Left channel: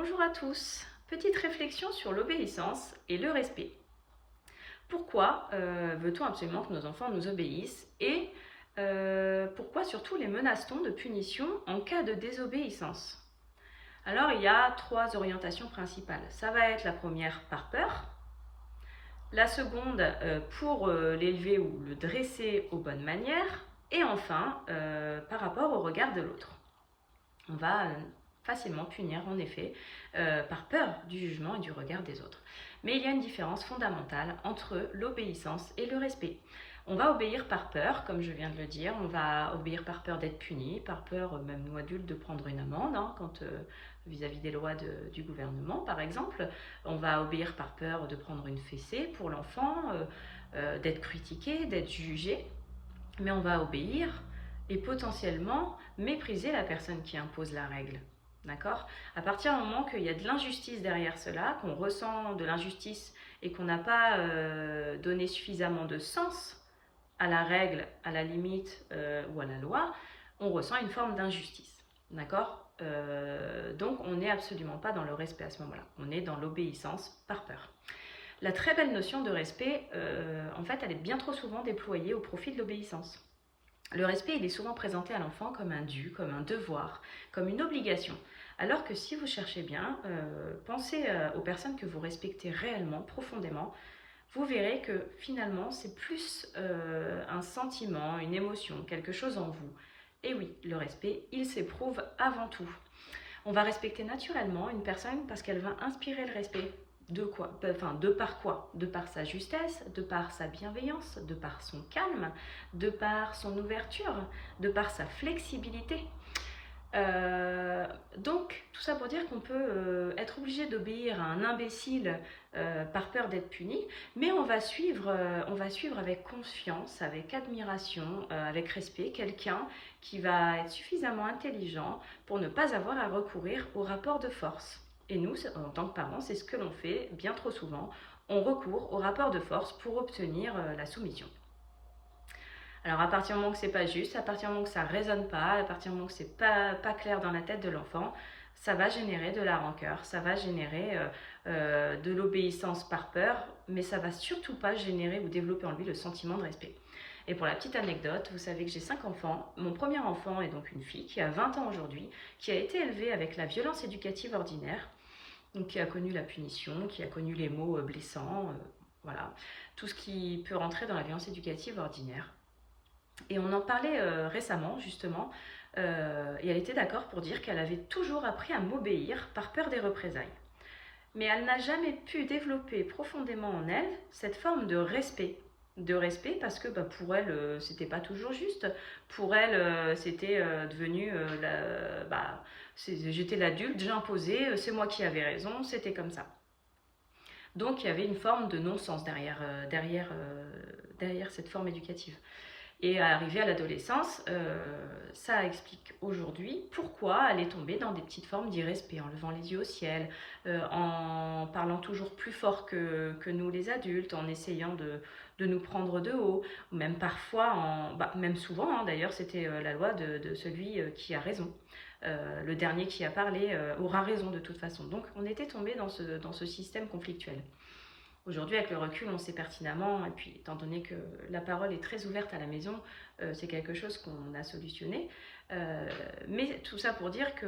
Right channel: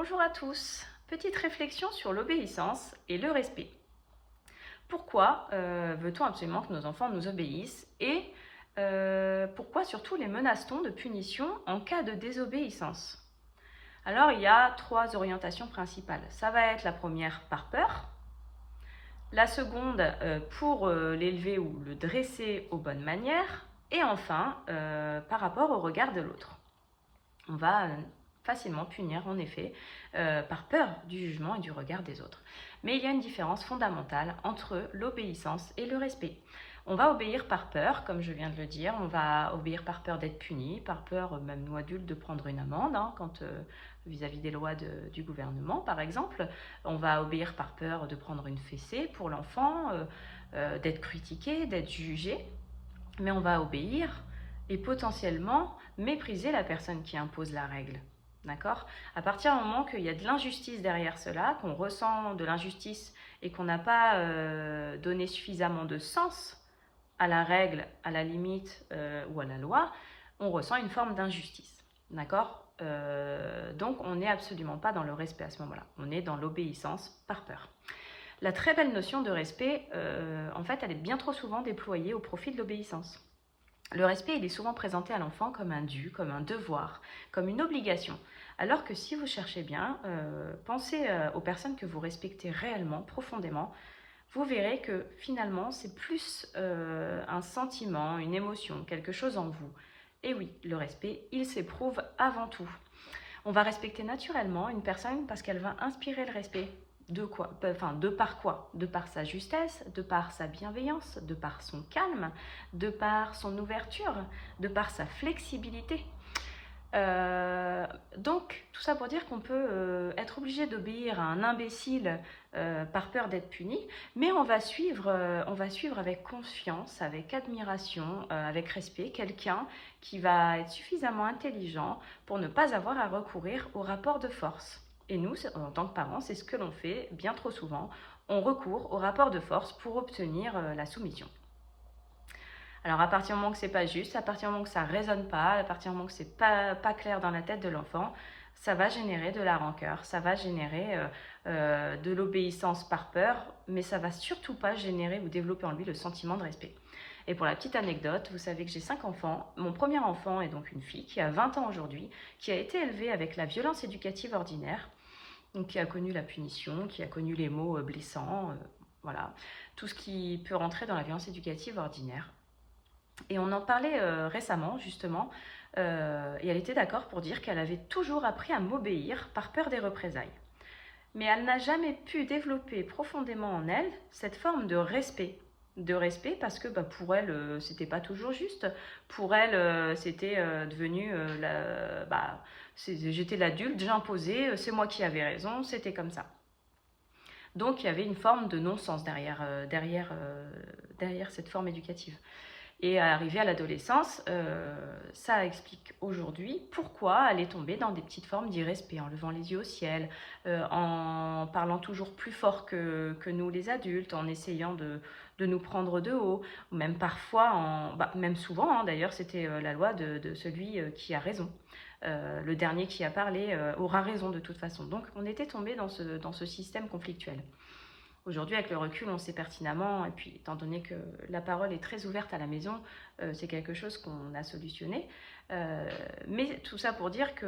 Bonjour à tous. Petite réflexion sur l'obéissance et le respect. Pourquoi veut-on absolument que nos enfants nous obéissent et pourquoi surtout les menace-t-on de punition en cas de désobéissance? Alors il y a trois orientations principales. Ça va être la première par peur, la seconde pour l'élever ou le dresser aux bonnes manières et enfin par rapport au regard de l'autre. On va facilement punir en effet par peur du jugement et du regard des autres. Mais il y a une différence fondamentale entre l'obéissance et le respect. On va obéir par peur, comme je viens de le dire, on va obéir par peur d'être puni, par peur, même nous adultes, de prendre une amende, quand vis-à-vis des lois du gouvernement par exemple. On va obéir par peur de prendre une fessée pour l'enfant, d'être critiqué, d'être jugé, mais on va obéir et potentiellement mépriser la personne qui impose la règle. D'accord? À partir du moment qu'il y a de l'injustice derrière cela, qu'on ressent de l'injustice et qu'on n'a pas donné suffisamment de sens à la règle, à la limite ou à la loi, on ressent une forme d'injustice. D'accord? Donc on n'est absolument pas dans le respect à ce moment-là. On est dans l'obéissance par peur. La très belle notion de respect, en fait, elle est bien trop souvent déployée au profit de l'obéissance. Le respect, il est souvent présenté à l'enfant comme un dû, comme un devoir, comme une obligation. Alors que si vous cherchez bien, pensez aux personnes que vous respectez réellement, profondément, vous verrez que finalement, c'est plus un sentiment, une émotion, quelque chose en vous. Et oui, le respect, il s'éprouve avant tout. On va respecter naturellement une personne parce qu'elle va inspirer le respect. De quoi? Enfin, de par quoi? De par sa justesse, de par sa bienveillance, de par son calme, de par son ouverture, de par sa flexibilité. Donc, tout ça pour dire qu'on peut être obligé d'obéir à un imbécile par peur d'être puni, mais on va suivre avec confiance, avec admiration, avec respect, quelqu'un qui va être suffisamment intelligent pour ne pas avoir à recourir au rapport de force. Et nous, en tant que parents, c'est ce que l'on fait bien trop souvent. On recourt au rapport de force pour obtenir la soumission. Alors à partir du moment que c'est pas juste, à partir du moment que ça résonne pas, à partir du moment que c'est pas clair dans la tête de l'enfant, ça va générer de la rancœur, ça va générer de l'obéissance par peur, mais ça va surtout pas générer ou développer en lui le sentiment de respect. Et pour la petite anecdote, vous savez que j'ai 5 enfants. Mon premier enfant est donc une fille qui a 20 ans aujourd'hui, qui a été élevée avec la violence éducative ordinaire, donc qui a connu la punition, qui a connu les mots blessants, voilà, tout ce qui peut rentrer dans la violence éducative ordinaire. Et on en parlait récemment, justement, et elle était d'accord pour dire qu'elle avait toujours appris à m'obéir par peur des représailles. Mais elle n'a jamais pu développer profondément en elle cette forme de respect. De respect parce que pour elle, c'était pas toujours juste. Pour elle, c'était devenu, j'étais l'adulte, j'imposais, c'est moi qui avais raison, c'était comme ça. Donc il y avait une forme de non-sens derrière cette forme éducative. Et arrivée à l'adolescence, ça explique aujourd'hui pourquoi elle est tombée dans des petites formes d'irrespect, en levant les yeux au ciel, en parlant toujours plus fort que nous les adultes, en essayant de nous prendre de haut, ou même parfois, même souvent d'ailleurs, c'était la loi de celui qui a raison. Le dernier qui a parlé aura raison de toute façon. Donc on était tombé dans ce système conflictuel. Aujourd'hui, avec le recul, on sait pertinemment, et puis étant donné que la parole est très ouverte à la maison, c'est quelque chose qu'on a solutionné. Mais tout ça pour dire que,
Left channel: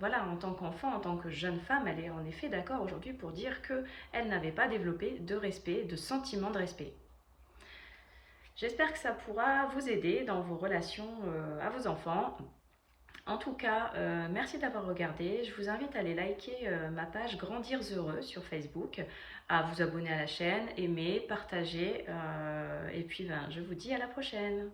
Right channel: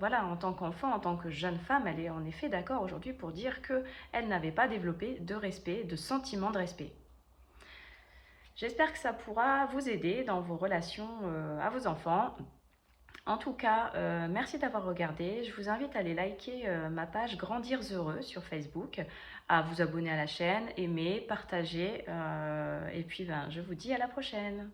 voilà, en tant qu'enfant, en tant que jeune femme, elle est en effet d'accord aujourd'hui pour dire qu'elle n'avait pas développé de respect, de sentiment de respect. J'espère que ça pourra vous aider dans vos relations à vos enfants. En tout cas, merci d'avoir regardé. Je vous invite à aller liker ma page Grandir Heureux sur Facebook, à vous abonner à la chaîne, aimer, partager. Et puis, je vous dis à la prochaine.